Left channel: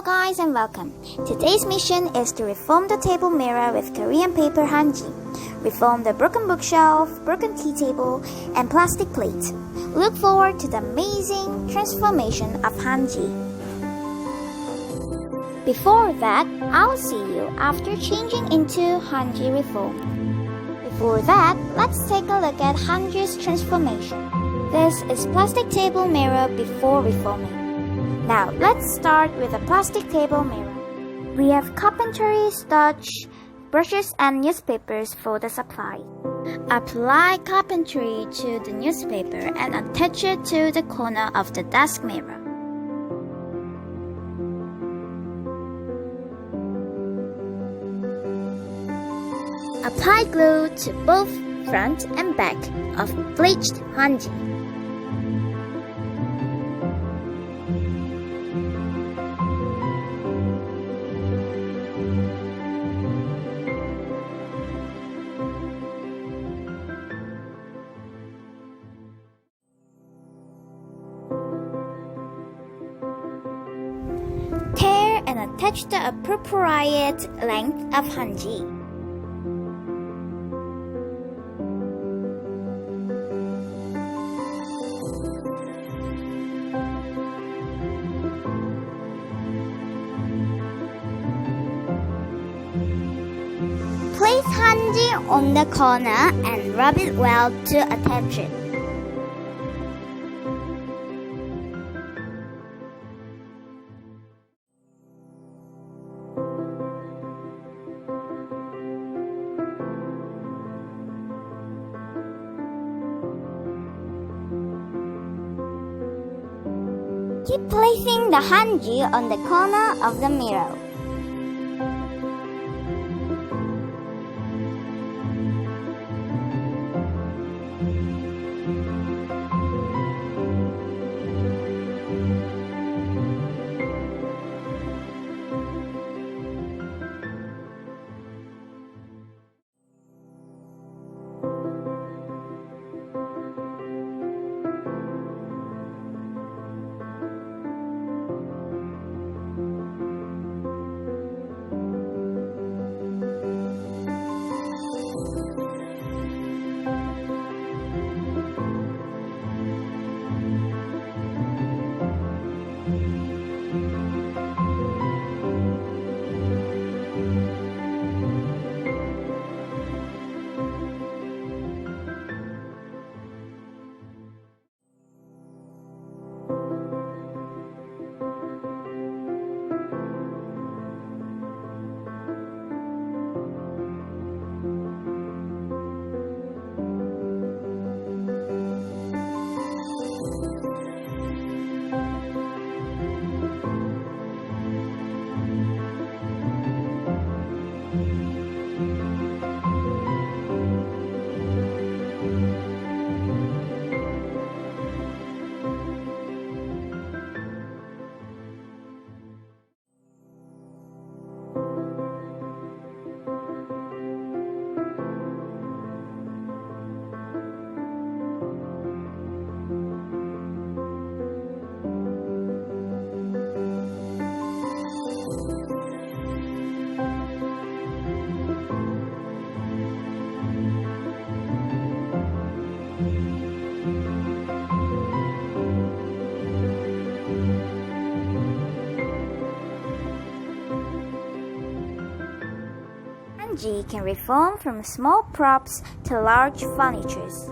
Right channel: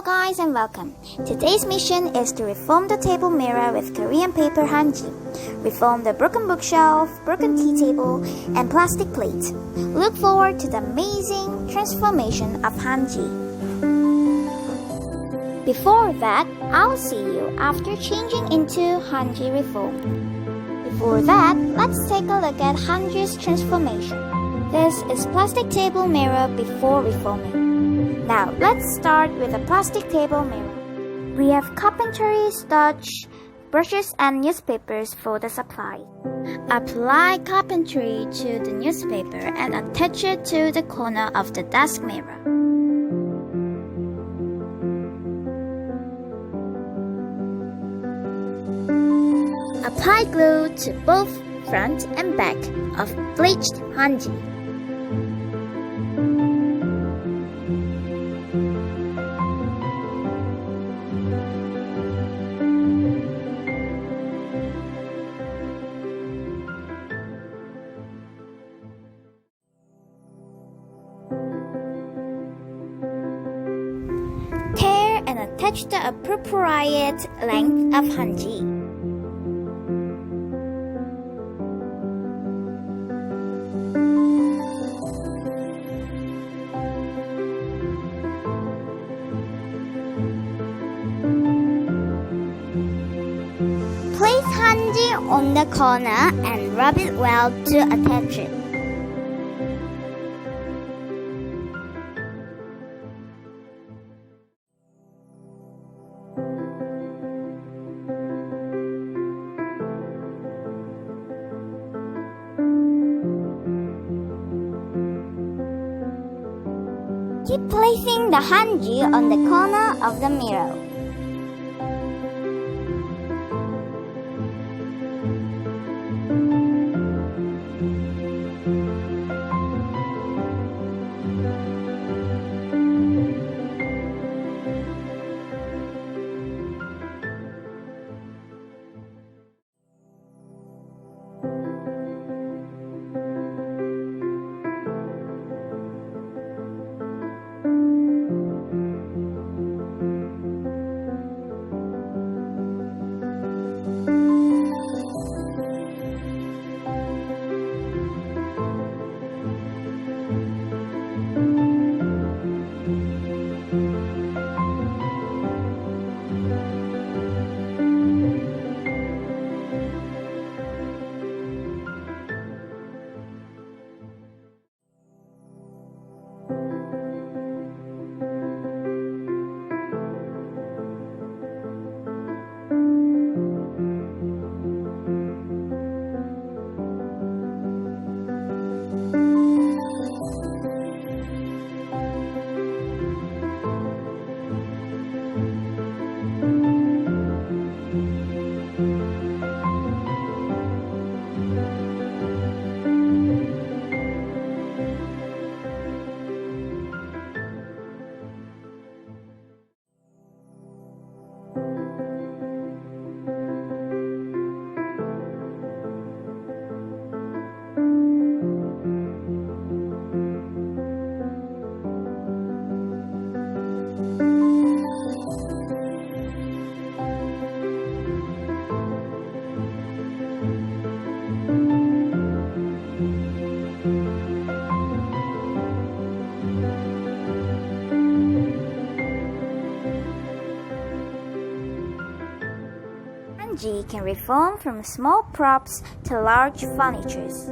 Hello guys and welcome. Today's mission is to reform the table mirror with Korean paper Hanji. Reform the broken bookshelf, broken tea table, and plastic plate. Look forward to the amazing transformation of Hanji. Before that, I'll see you after changing into Hanji reform. Before that, let's take a look at Hanji's transformation. This is plastic table mirror before reforming. Now, let's start with a plastic table mirror. We have carpentry, starch, brushes, and newspapers for the supply. Apply carpentry to the newspaper and attach it to the corner of the desk mirror. Apply glue to both front and back of bleached Hanji. Tear and attach the appropriate length of Hanji. Place Hanji on the corner and rub it well to attach it. Keep placing the Hanji on the corner of the mirror. Hanji can reform from small props to large furnitures.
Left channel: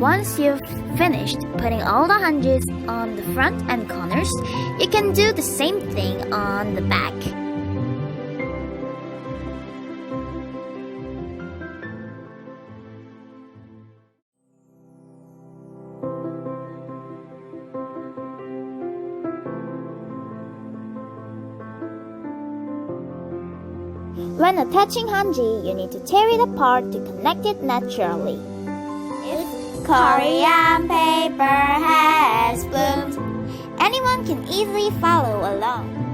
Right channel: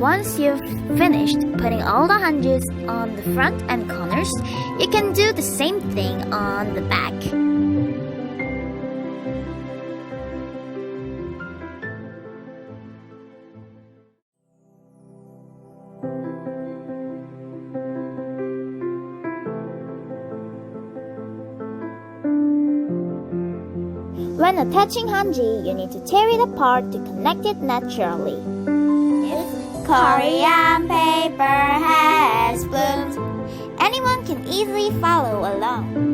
Once you've finished putting all the hanjis on the front and corners, you can do the same thing on the back. When attaching hanji, you need to tear it apart to connect it naturally. If Korean paper has bloomed, anyone can easily follow along.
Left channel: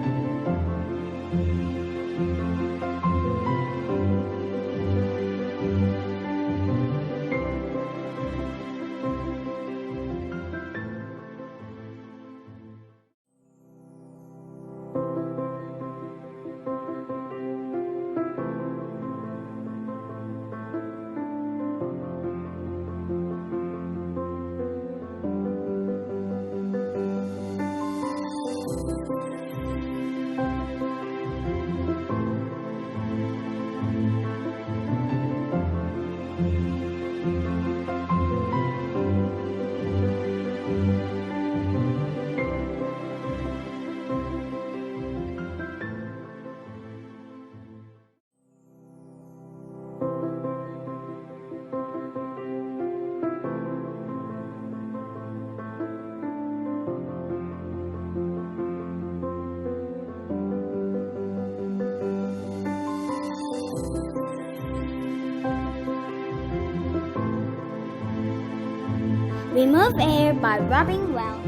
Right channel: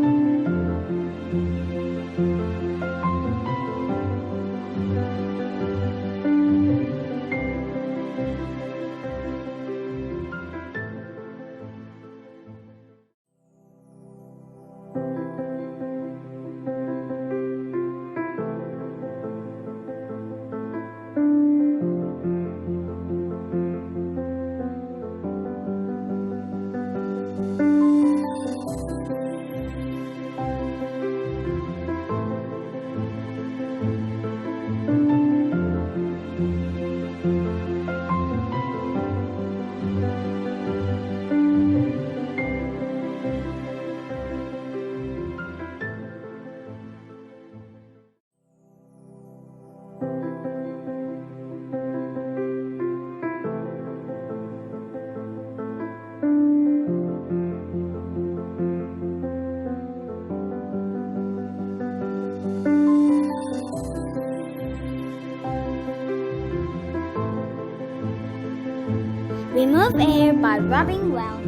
Remove air by rubbing well.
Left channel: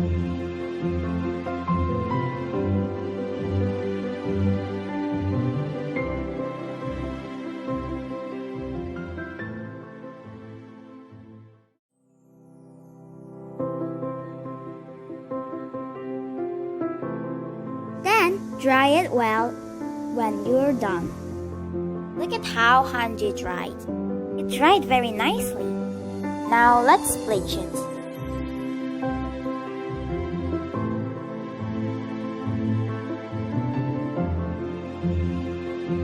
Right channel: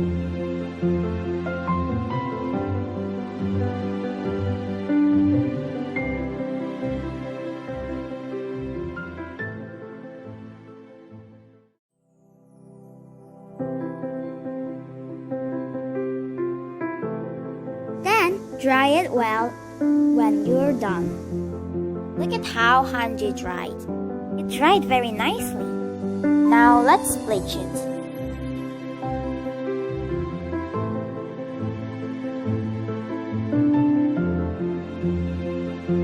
Then dry it well when you're done. Look at how Hanji dried. It dried very nicely. Now let's bleach it.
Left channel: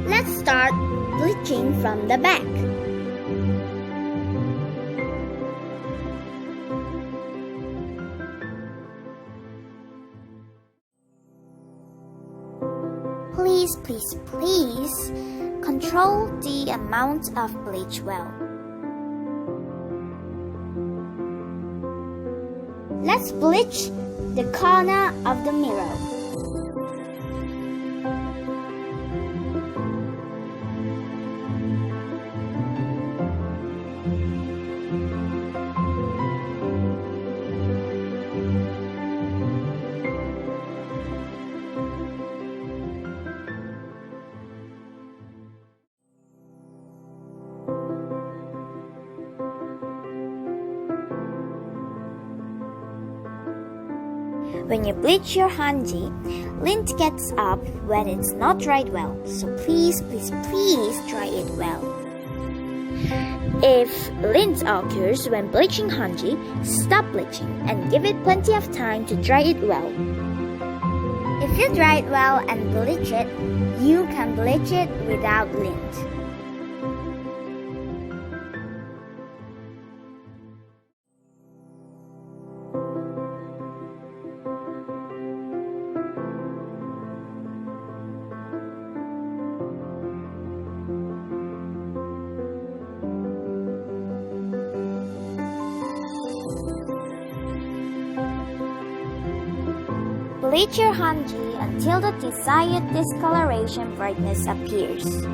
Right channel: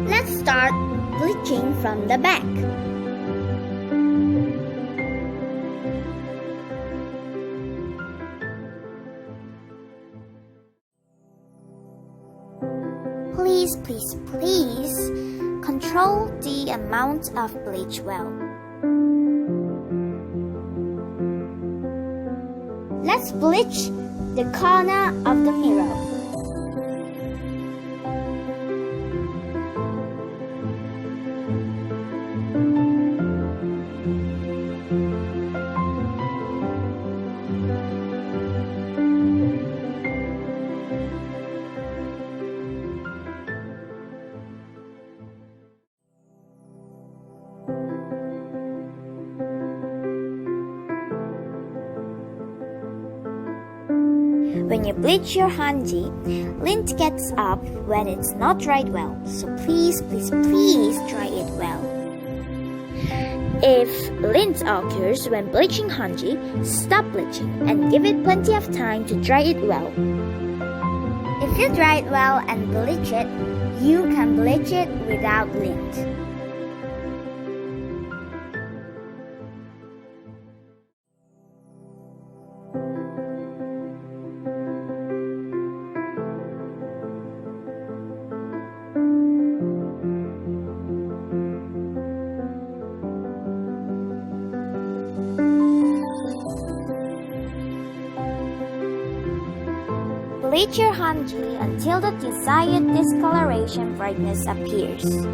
Let's start bleaching from the back. Please control the amount of bleach well. Let's bleach the corner of the mirror. When you bleach your hanji, lint gets up when it's not dried well, so please dry it well. If lint occurs when bleaching hanji, stop bleaching and give it plenty of time to dry it well. If you dry it well and bleach it, you can bleach it without lint. Bleach your hanji until the desired discoloration brightness appears.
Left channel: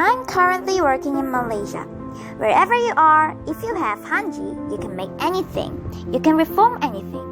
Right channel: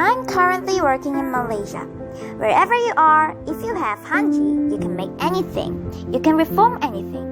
I'm currently working in Malaysia. Wherever you are, if you have Hanji, you can make anything. You can reform anything.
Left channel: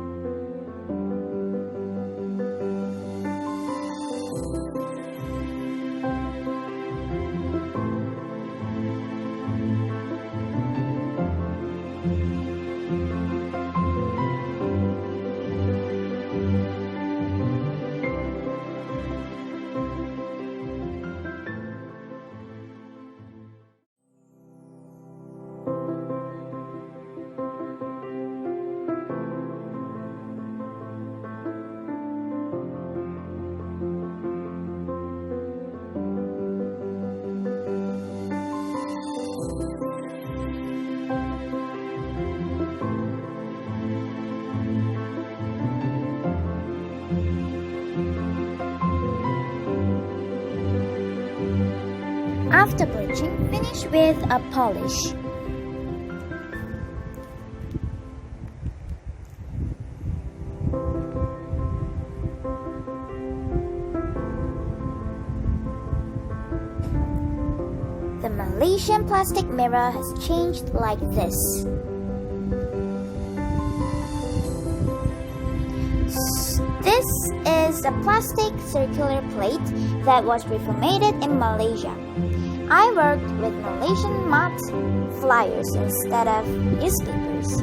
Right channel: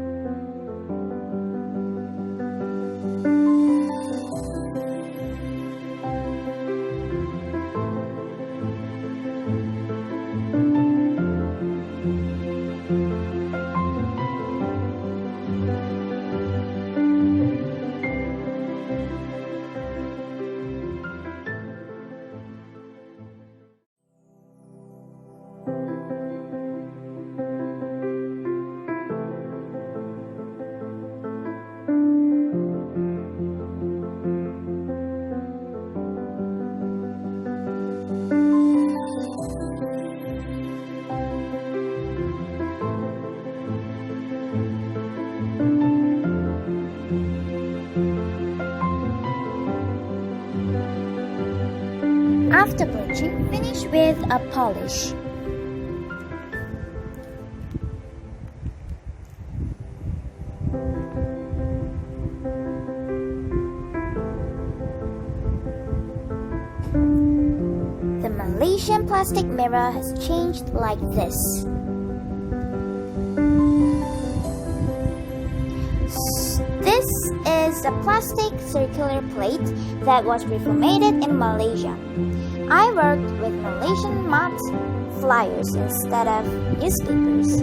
After bleaching, finish with a polish. The Malaysian plastic mirror has changed like this. This is a plastic circular plate that was reformatted in Malaysia. I worked with Malaysian matte flyers instead of newspapers.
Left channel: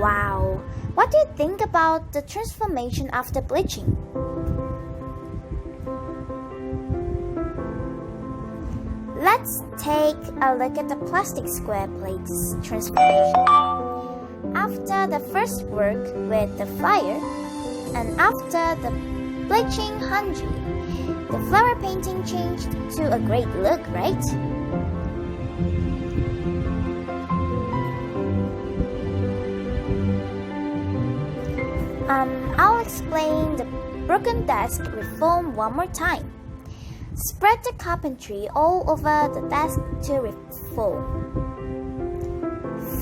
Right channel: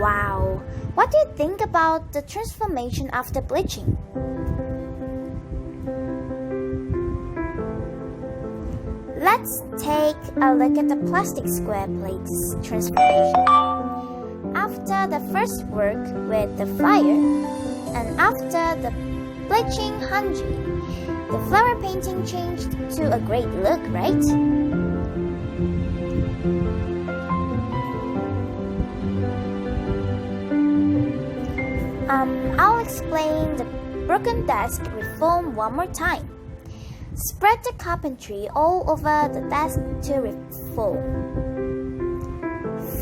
Wow! What do you think about the transformation after bleaching? Let's take a look at the plastic square plate's transformation. After the first work with the flyer and after the bleaching Hanji, the flower painting changed to a great look, right? I'll explain the broken desk reform one more time. Spread the carpentry all over the desk to reform.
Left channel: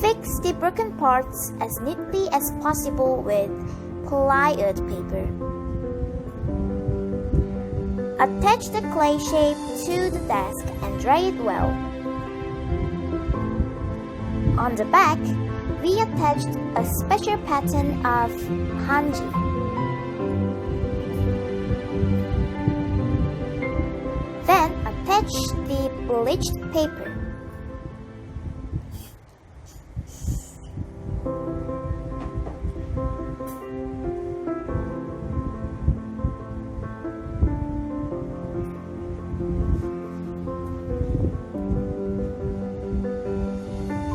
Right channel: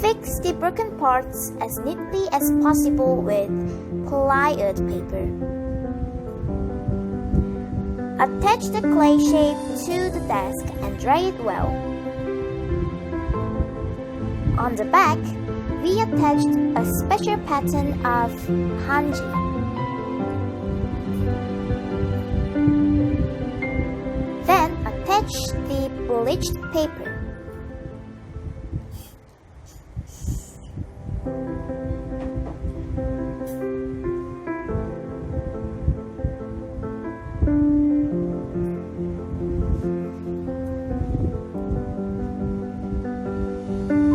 Fix the broken parts as neatly as possible with plied paper. Attach the clay shape to the desk and dry it well. On the back, we attached a special pattern of Hanji. Then attach the bleached paper.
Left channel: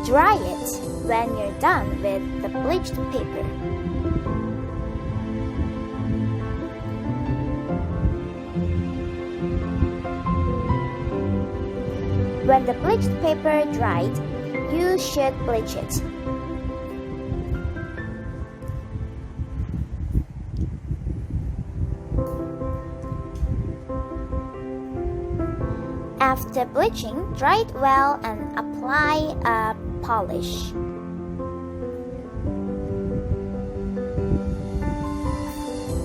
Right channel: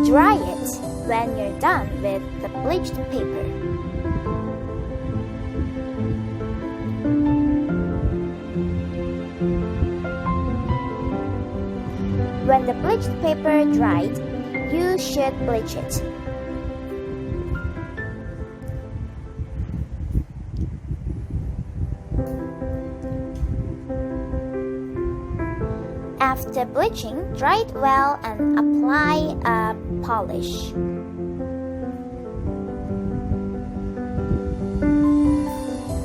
Dry it when you're done with the bleached paper. When the bleached paper dried, you should bleach it. After bleaching, dry it well and apply a polish.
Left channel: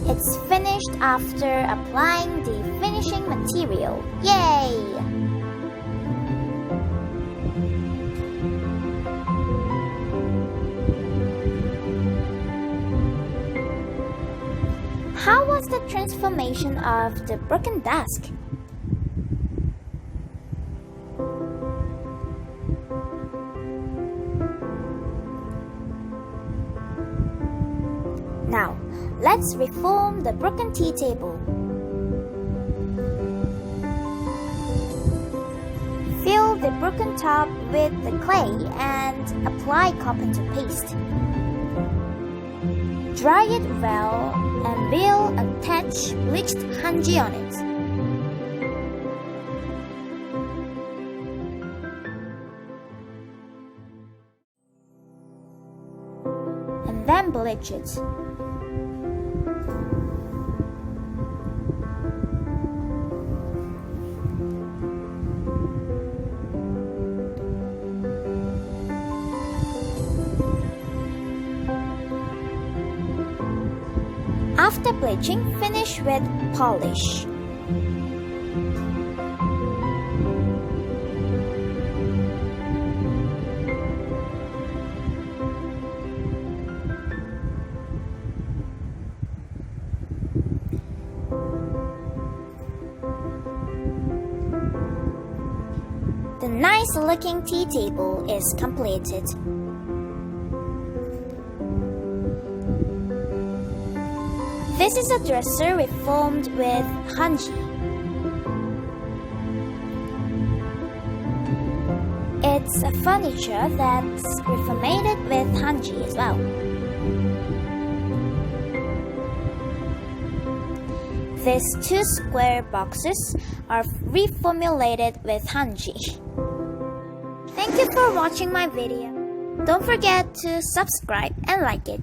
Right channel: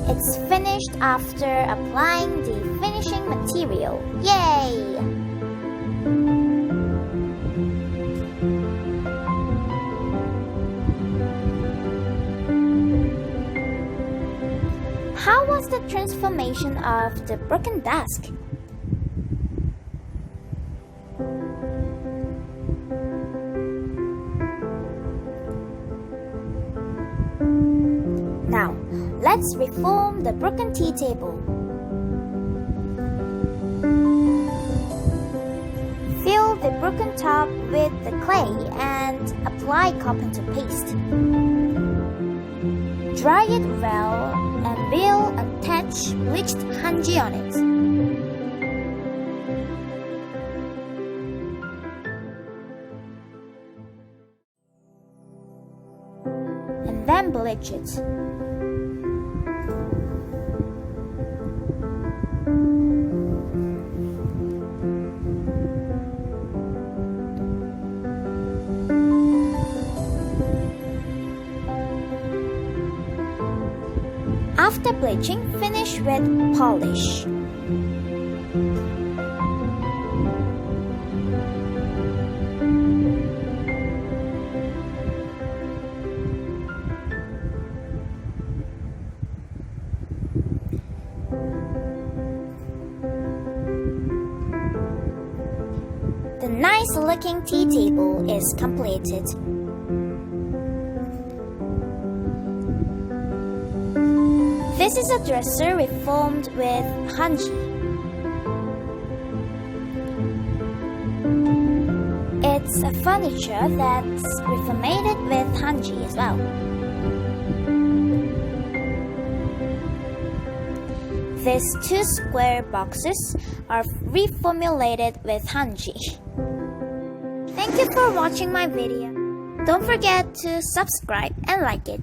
It's finished after applying the finishing material. Yay! How was the transformation of the broken desk? Now, let's reform the broken tea table. Fill the broken top with the clay and apply carpenter paste. Dry it well and we'll attach bleached Hanji on it. And then bleach it. After bleaching, finish with polish. The nice-looking tea table is completed. This is a dresser reformed with Hanji. It's a furniture that's reformatted with Hanji as well. These two square boxes are reformulated with Hanji. Thank you for watching my video. Don't forget to subscribe and like it.